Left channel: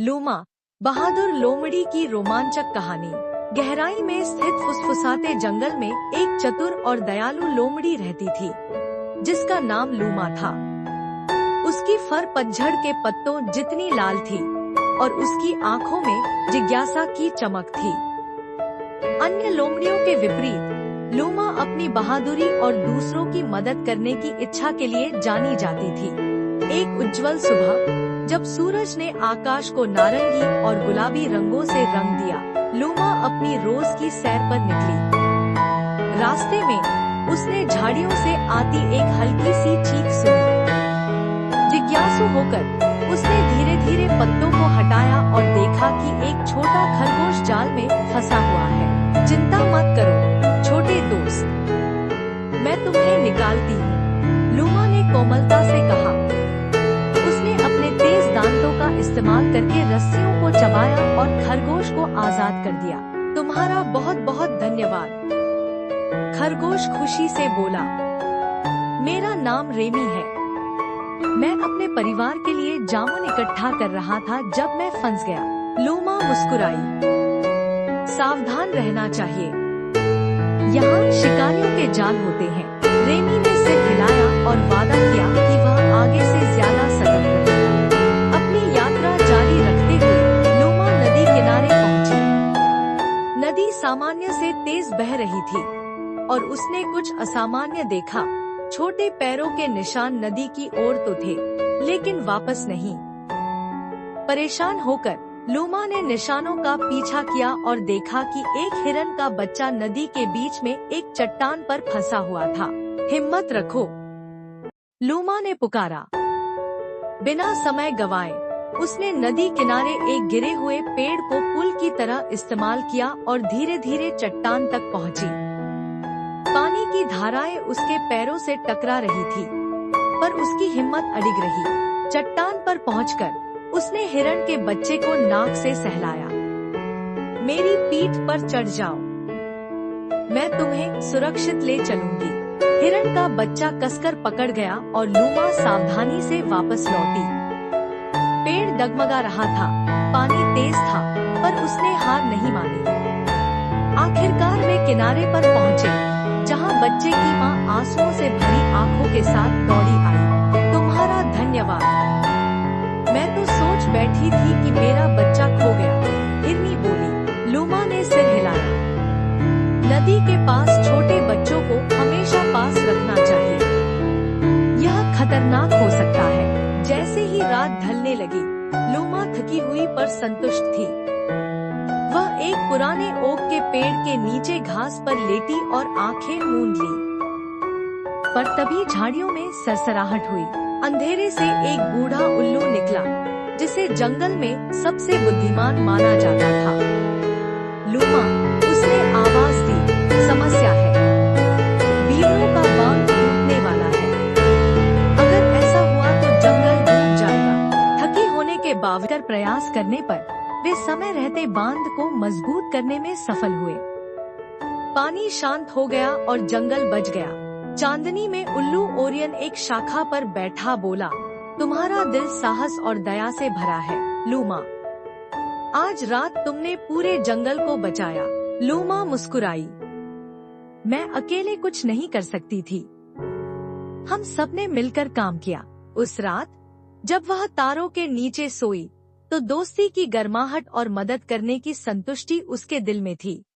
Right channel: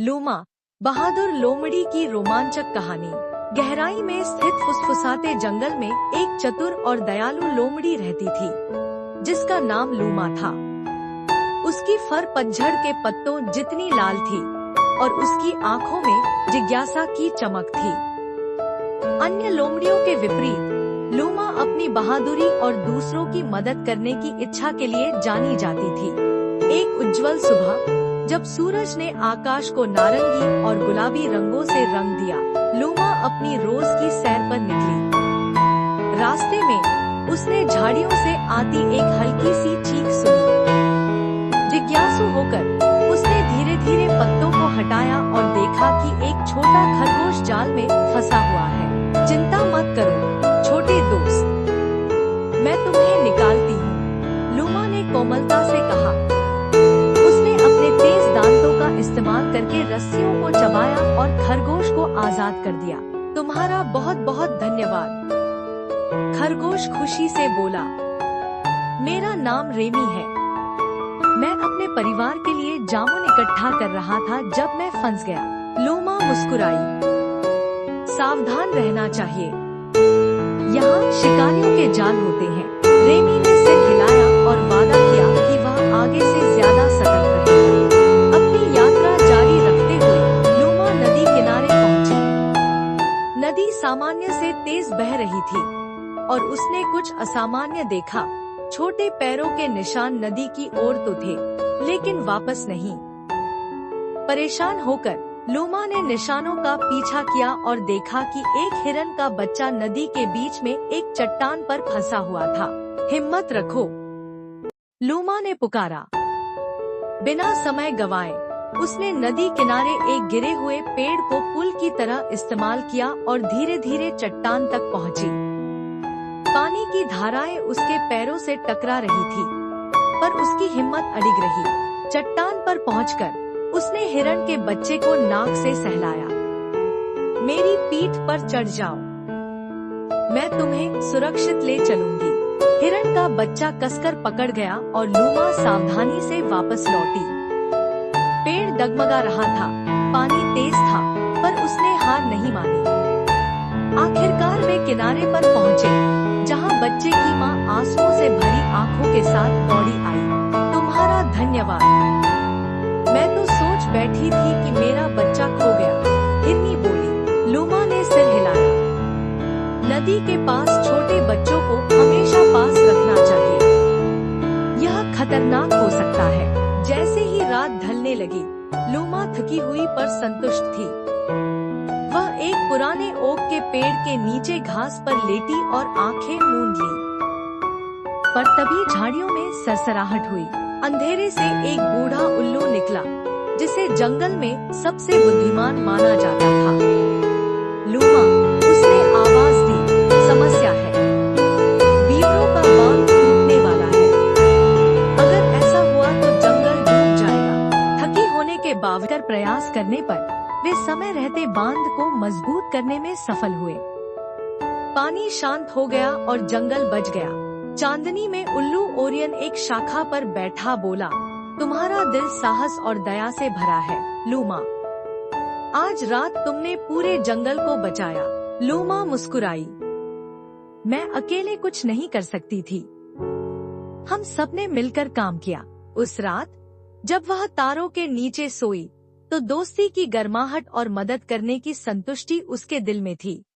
Luma, बहादुर लोमड़ी की रोमांचक कहानी। गहराई में स्थित फुसफुसाते जंगल में एक चतुर और दयालु लोमड़ी रहती थी, जिसका नाम लूमा था। उसकी फर पतझड़ के पत्तों जितनी लाल थी और उसकी आँखों में जिज्ञासा की चमक थी। अन्य लोमड़ियों के विपरीत लूमा अपनी बहादुरी और दूसरों की मदद करने की इच्छा के लिए जानी जाती थी। एक उज्जवल सुबह, जब सूरज ने आकाश को नारंगी और गुलाबी रंगों से रंग दिया, लूमा अपनी रोज की सैर पर निकली। रास्ते में उसने झाड़ियों से आती एक हल्की सी चीख सुनी। जिज्ञासु होकर उसने धीरे धीरे पत्तों को हटाया और देखा कि एक छोटा खरगोश जाल में फंसा हुआ है। चिंता मत करो छोटे दोस्त, मैं तुम्हें निकालती हूँ, लूमा ने कोमलता से कहा। उसने अपने तेज दांतों का इस्तेमाल करके रस्सियों को चबाया और खरगोश को आजाद कर दिया। तुम्हारा बहुत बहुत धन्यवाद, खरगोश खुशी से बोला। मेरा नाम रेमी है। मैं अपने परिवार के लिए जामुन इकट्ठा कर रहा था जब मैं फंस गया। लूमा मुस्कुराई। सावधान रहना चाहिए, यहाँ शिकारियों के जाल होते हैं। रेमी ने सिर हिलाया और वादा किया कि वह आगे से ज्यादा सतर्क रहेगा। अपनी यात्रा जारी रखते हुए लूमा नदी किनारे पहुंची। नदी सामान्य से तेज बह रही थी और उसने कुछ असामान्य देखा। छोटे पैरों के निशान नदी की ओर तो थे, लेकिन वापस नहीं। परेशान होकर लूमा ने निशानों का पीछा किया और देखा कि एक हिरन का बच्चा नदी के बीच में एक चट्टान पर फंसा हुआ था। हिम्मत रखो, लूमा ने पुकारा। बिना समय गवाए उसने नदी किनारे एक गिरे हुए पेड़ को पुल की तरह इस्तेमाल किया और धीरे धीरे चट्टान तक पहुंची। पानी की धाराएं उसके पैरों से टकरा रही थी, पर उसकी हिम्मत अडिग रही। चट्टान पर पहुंचकर उसने हिरन के बच्चे को नाक से सहलाया। मेरी पीठ पर चढ़ जाओ, मैं तुम्हें सुरक्षित ले चलूंगी। हिरन का बच्चा कसकर पकड़ गया और लूमा सावधानी से वापस लौटी। पेड़ डगमगा रहा था, पानी तेज था, पर उसने हार नहीं मानी। आखिरकार वे किनारे पर पहुँचे, जहाँ बच्चे की माँ आंसुओं से भरी आंखों के साथ दौड़ी आई। तुम्हारा धन्यवाद, मैं तो सोच बैठी थी कि मेरा बच्चा खो गया, हिरनी बोली। लूमा ने सिर हिलाया। नदी के पास छोटे बच्चों को हमेशा पास रखना चाहिए, यह खतरनाक हो सकता है। जैसे ही रात ढलने लगी, लूमा थकी हुई पर संतुष्ट थी। वह एक पुराने ओक के पेड़ के नीचे घास पर लेटी और आंखें मूंद ली। पर तभी झाड़ियों में सरसराहट हुई। अंधेरे से एक बूढ़ा उल्लू निकला, जिसे जंगल में सबसे बुद्धिमान माना जाता था। लूमा, उसने आवाज दी, समस्या है। बीवरों का बांध टूटने वाला है। अगर ऐसा हुआ तो जंगल डूब जाएगा। थकी होने के बावजूद प्रयास करने पर वे समय रहते बांध को मजबूत करने में सफल हुए। पानी शांत हो गया और जंगल बच गया। चांदनी में उल्लू ओरियन एक शाखा पर बैठा बोला, तुम्हारा दिल साहस और दया से भरा है, लूमा। आज रात तुमने पूरे जंगल को बचाया। लूमा मुस्कुराई। मैं अकेले कुछ नहीं कर सकती थी, हम सबने मिलकर काम किया। उस रात जब वह तारों के नीचे सोई, तो दोस्ती की गर्माहट और मदद करने की संतुष्टि उसके दिल में थी।